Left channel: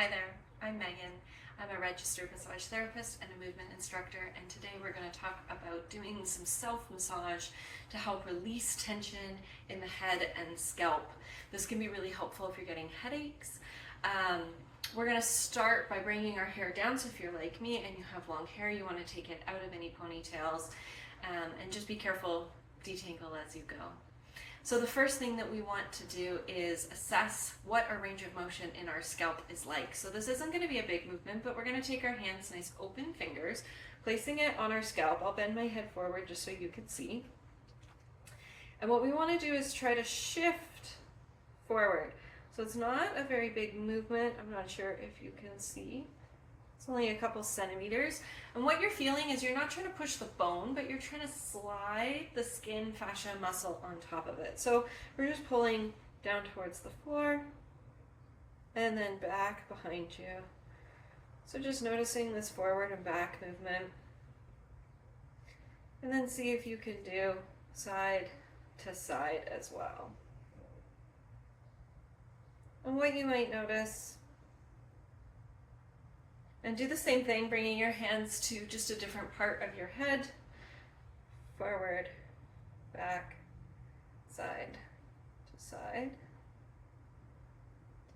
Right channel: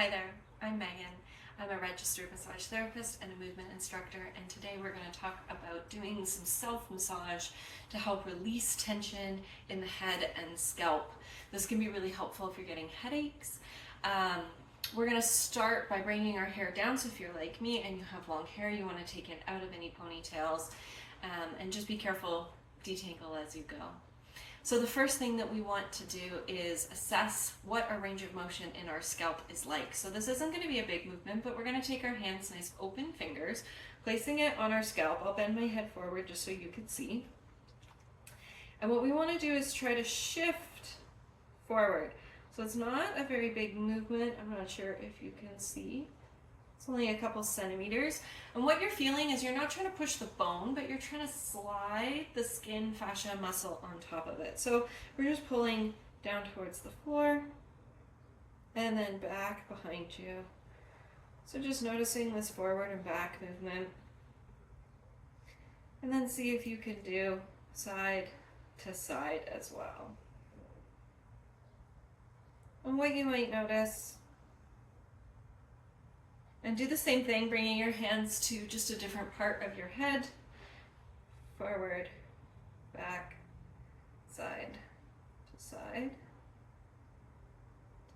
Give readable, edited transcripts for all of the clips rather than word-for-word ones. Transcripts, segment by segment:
Hi there, I'm Megan. I'm a registered massage therapist and a movement instructor, and today we're going to talk about doing some self-massage to help release tension in the head and scalp. This can be really helpful if you're getting headaches. We're going to start by bringing our hair down, so if you're like me and you have long hair, you want to take it out of any ponytails, and just be careful, detangle as you go. So the first thing that we want to do is assess what our range of motion in our scalp is like. So this isn't going to be a big movement, but we're going to take our hands, nice open fingers, placing it on our scalp. I'll bend my head forward just so you can see. And what we want to do is try to shift forward. So it's not a very big movement. I'm not sure if you can see. It's only a couple centimeters. And what you're feeling is you're not trying to push the bone, but you're trying to slide the skin fascia muscle on top of it. So we're just pulling down towards the floor and then back behind you. So just noticing this forward and back movement. And then see if you can do side to side as well. And what you might notice, and do the same thing, bringing your hands to just a different part of your head. Forward, back, side to side,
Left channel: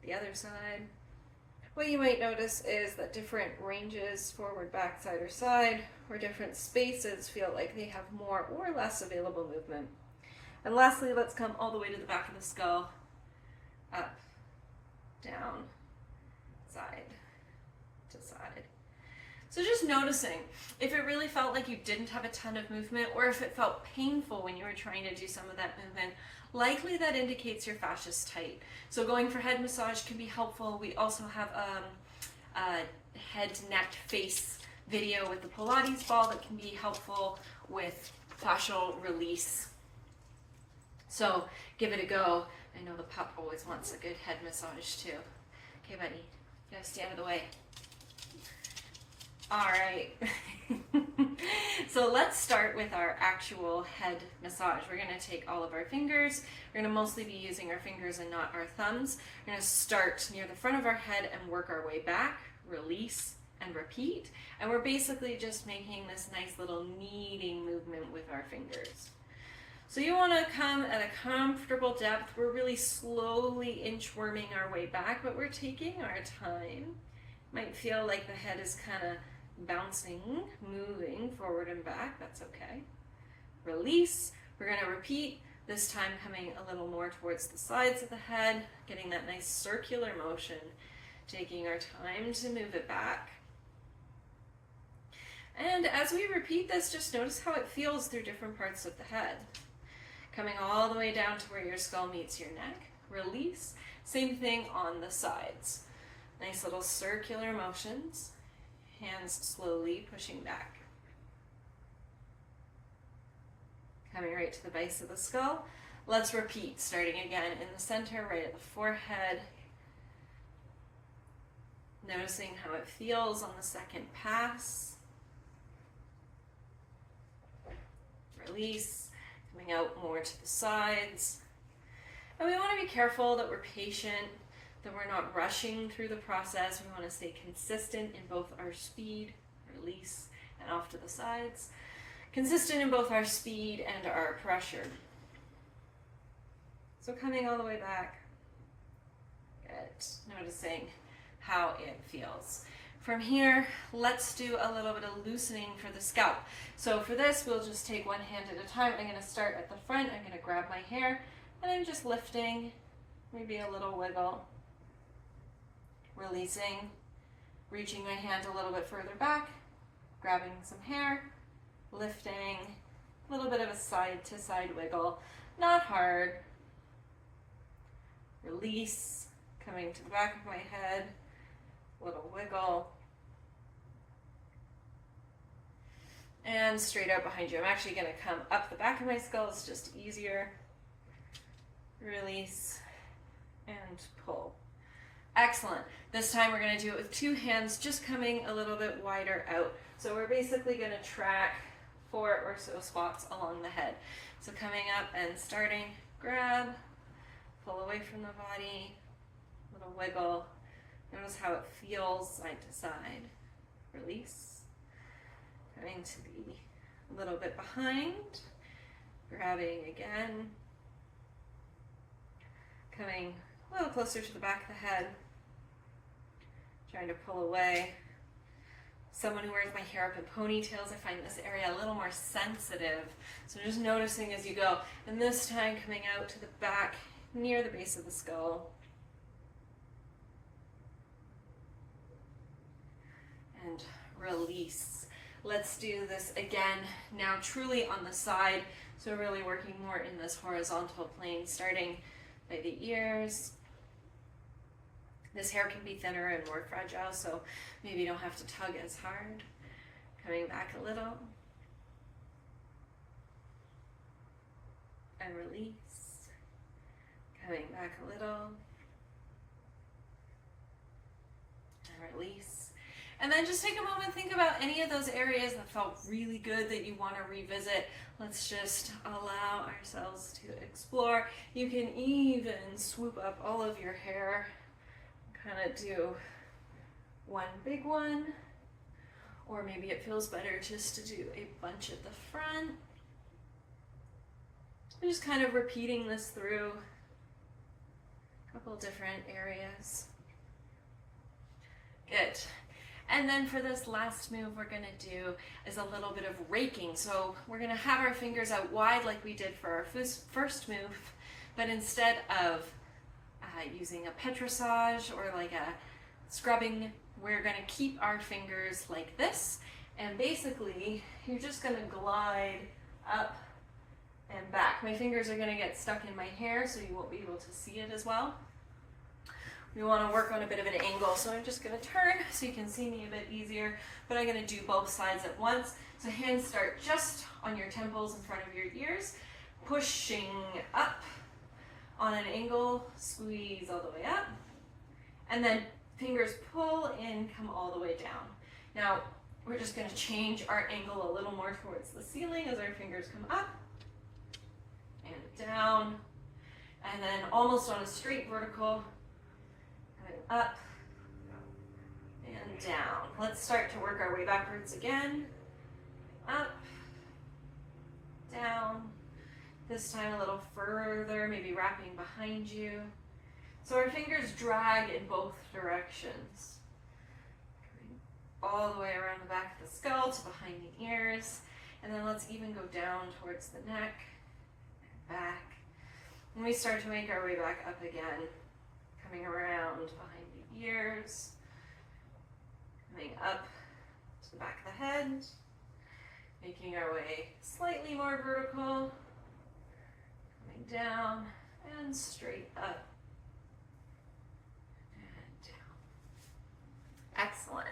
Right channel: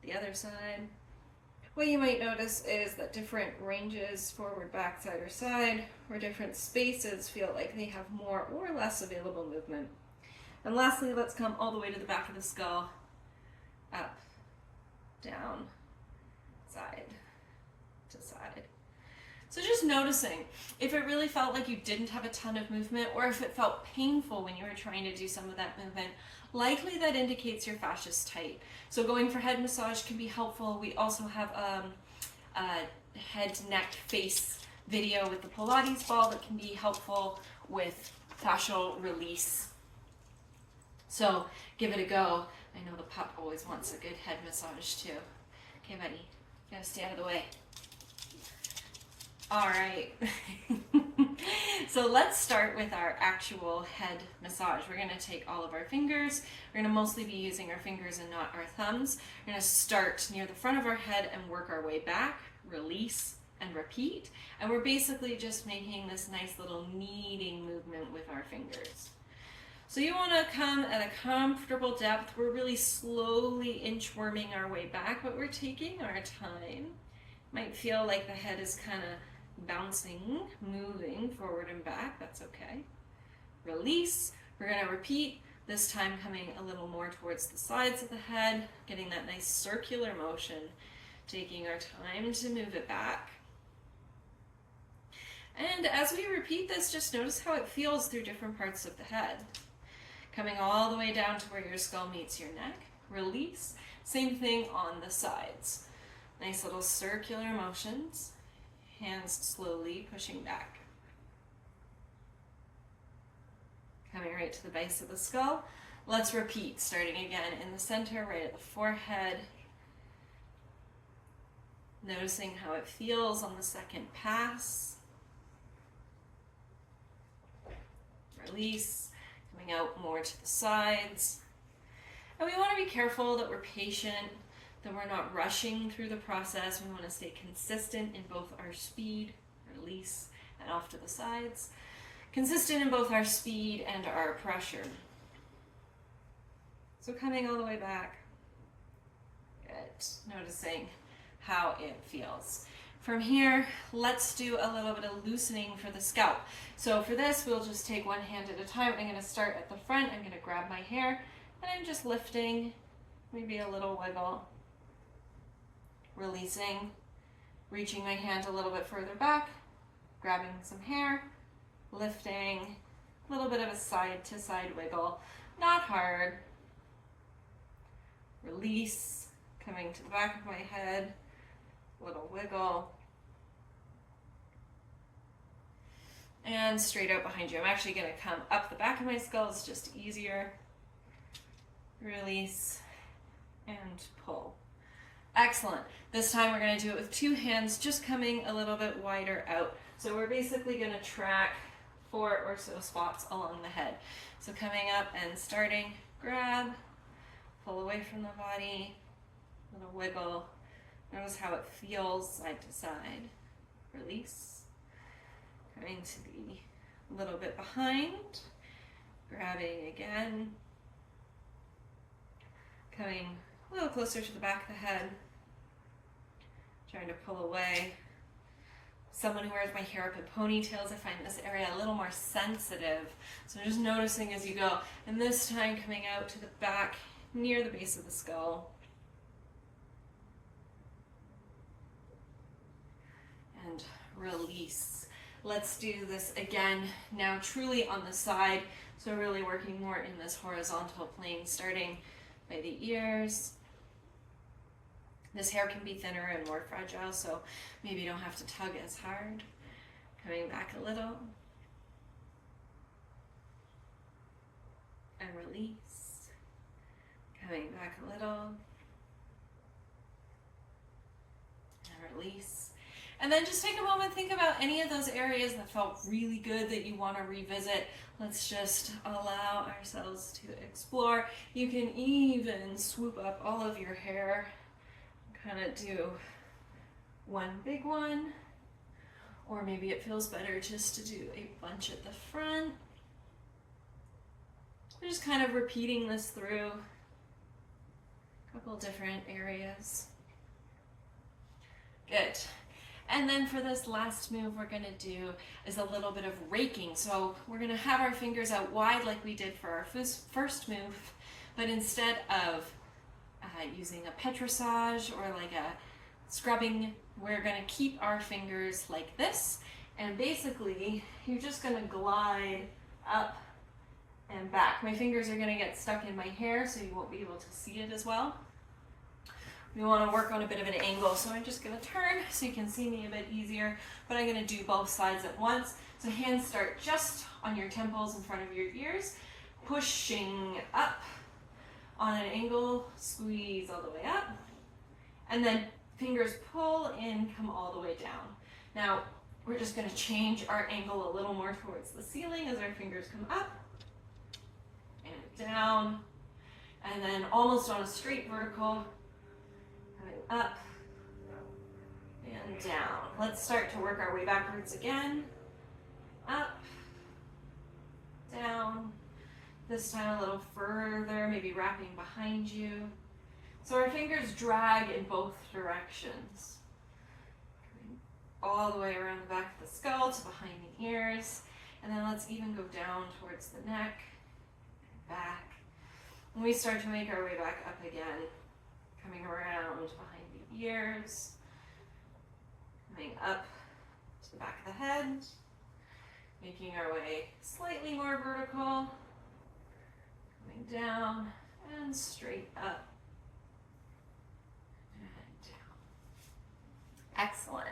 the other side. What you might notice is that different ranges, forward, back, side, or side, or different spaces feel like they have more or less available movement. And lastly, let's come all the way to the back of the skull, up, down, side to side. So just noticing if it really felt like you didn't have a ton of movement, or if it felt painful when you were trying to do some of that movement, likely that indicates your fascia is tight. So going for head massage can be helpful. We also have a head, neck, face video with the Pilates ball that can be helpful with fascial release. So give it a go. I know the pup always wants a good head massage too. Okay, buddy, you gotta stay out of the way. All right. So let's start with our actual head massage. We're gonna take all of our fingers. We're gonna mostly be using our fingers and not our thumbs. We're gonna start near the front of our head and work our way back, release, and repeat. And we're basically just making this nice little kneading movement with our fingers. So you want to come at a comfortable depth. We're really slowly inchworming our way back, but we're taking our time. Might feel like the head is kind of bouncing, moving forward and back. That's okay. Release. We're going to repeat, this time coming a little more towards the sides of the head, getting that nice circular motion, taking our time to move it back. And as we repeat this, just notice how it feels through different parts of the head. Coming all the way down to where your skull meets your neck. Release. Same thing on the sides. Nice little circular motions. Hands slowly pushing back. Coming right to the base of the skull. Let's repeat, starting again in the center, right at the forehead. Noticing how it feels on the second pass. Release. Coming out more to the sides. And we want to be careful that we're patient, that we're not rushing through the process. We want to stay consistent in both our speed, release, and off to the sides. Consistent in both our speed and our pressure. So coming all the way back. Good. Noticing how it feels. From here, let's do a little bit of loosening for the scalp. So for this, we'll just take one hand at a time. I'm going to start at the front. I'm going to grab my hair, and I'm just lifting, maybe a little wiggle. Releasing, reaching my hand a little bit further back, grabbing some hair, lifting, a little bit of a side-to-side wiggle. Not hard. Release, coming to the back of my head, little wiggle. And straight out behind you. I'm actually going to come up the back of my skull. It's just easier. Release and pull. Excellent. This time we're going to do it with two hands, just coming a little bit wider out. So we're basically going to track 4 or so spots along the head. So coming up and starting, grab, pull away from the body, little wiggle, Notice how it feels side to side. Release. Going to be a little bit behind. Grabbing again. Coming a little closer to the back of the head. Trying to pull away. Someone who wears my hair up in ponytails, I find this area a little more sensitive. So just noticing as you go. And this time coming out to the back near the base of the skull. And release. Let's do this again now truly on the side. So really working more in this horizontal plane, starting by the ears. This hair can be thinner and more fragile, so maybe you don't have to tug as hard. Coming back a little. And release. Coming back a little. And release. And then just take a moment, think about any of those areas that felt really good that you want to revisit. Let's just allow ourselves to explore. You can even swoop up all of your hair. Kind of do one big one, or maybe it feels better just to do a bunch at the front. I'm just kind of repeating this through a couple different areas. Good. And then for this last move we're going to do is a little bit of raking. So we're going to have our fingers out wide like we did for our first move, but instead of using a petrissage or like a scrubbing, we're going to keep our fingers like this, and basically you're just going to glide up and back. My fingers are going to get stuck in my hair, so you won't be able to see it as well. We want to work on a bit of an angle, so I'm just going to turn so you can see me a bit easier, but I'm going to do both sides at once. So hands start just on your temples in front of your ears, pushing up on an angle, squeeze all the way up, and then fingers pull in, come all the way down. Now, we're just going to change our angle a little more towards the ceiling as our fingers come up and down, and then almost on a straight vertical, coming up and down. Let's start to work our way backwards again. Up, down. This time a little further, maybe wrapping behind you. So our fingers drag in both directions. Coming all the way around the back of the skull to behind the ears. And then let's even go down towards the neck and back. And we start to make our way back up again. Coming around behind the ears. Coming up to the back of the head. Making our way slightly more vertical. Down and straight up and down. Excellent.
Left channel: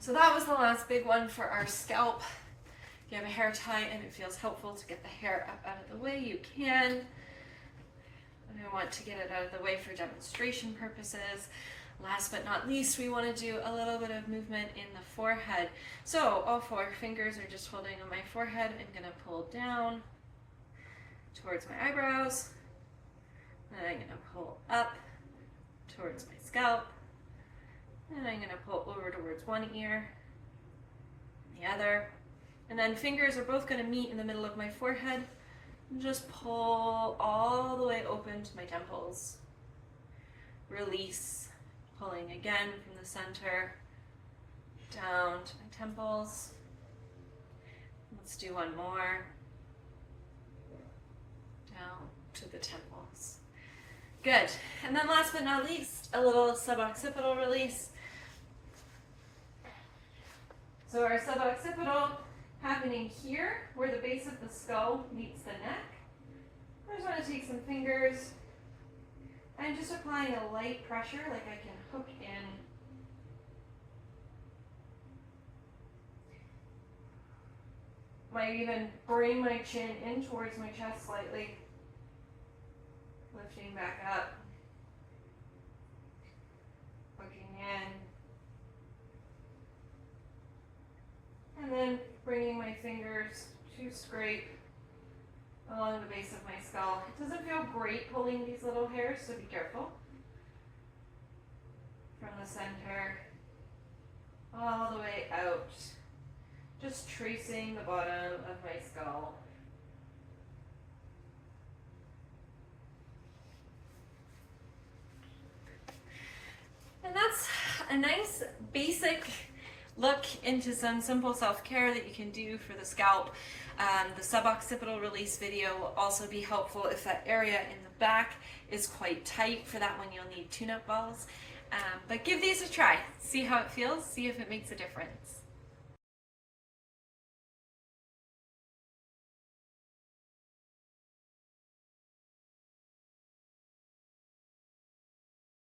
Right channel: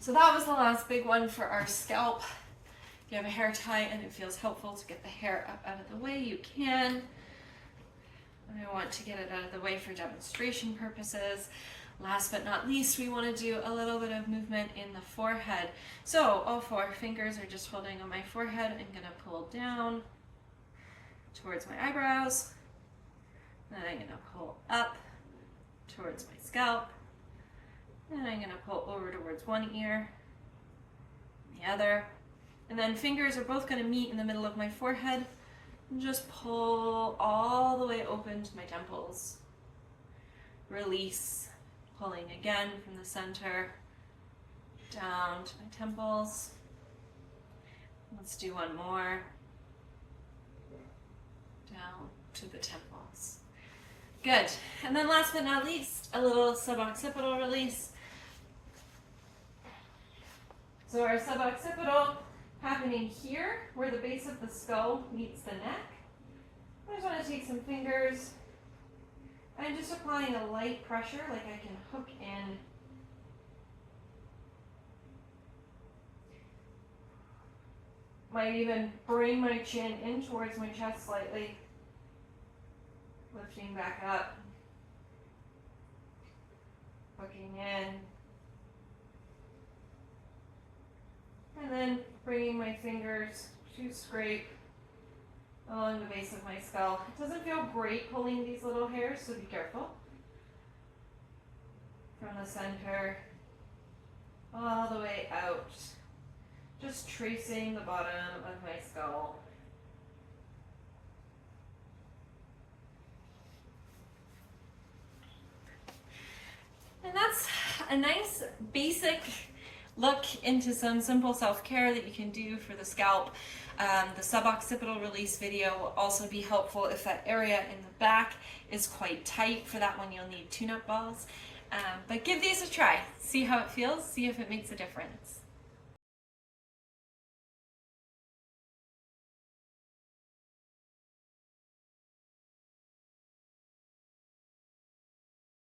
So that was the last big one for our scalp. If you have a hair tie and it feels helpful to get the hair up out of the way, you can. And I want to get it out of the way for demonstration purposes. Last but not least, we want to do a little bit of movement in the forehead. So all four fingers are just holding on my forehead. I'm going to pull down towards my eyebrows, then I'm going to pull up towards my scalp, and I'm going to pull over towards one ear, and the other, and then fingers are both going to meet in the middle of my forehead, and just pull all the way open to my temples. Release, pulling again from the center, down to my temples. Let's do one more. Down to the temples. Good. And then last but not least, a little suboccipital release. So our suboccipital happening here where the base of the skull meets the neck. I just want to take some fingers. I'm just applying a light pressure like I can hook in. Might even bring my chin in towards my chest slightly. Lifting back up, hooking in, and then bringing my fingers to scrape along the base of my skull. It doesn't feel great pulling these little hairs, so be careful. the center, all the way out, just tracing the bottom of my scalp. And that's a nice basic look into some simple self-care that you can do for the scalp. The suboccipital release video will also be helpful if that area in the back is quite tight. For that one, you'll need tune-up balls. But give these a try. See how it feels. See if it makes a difference.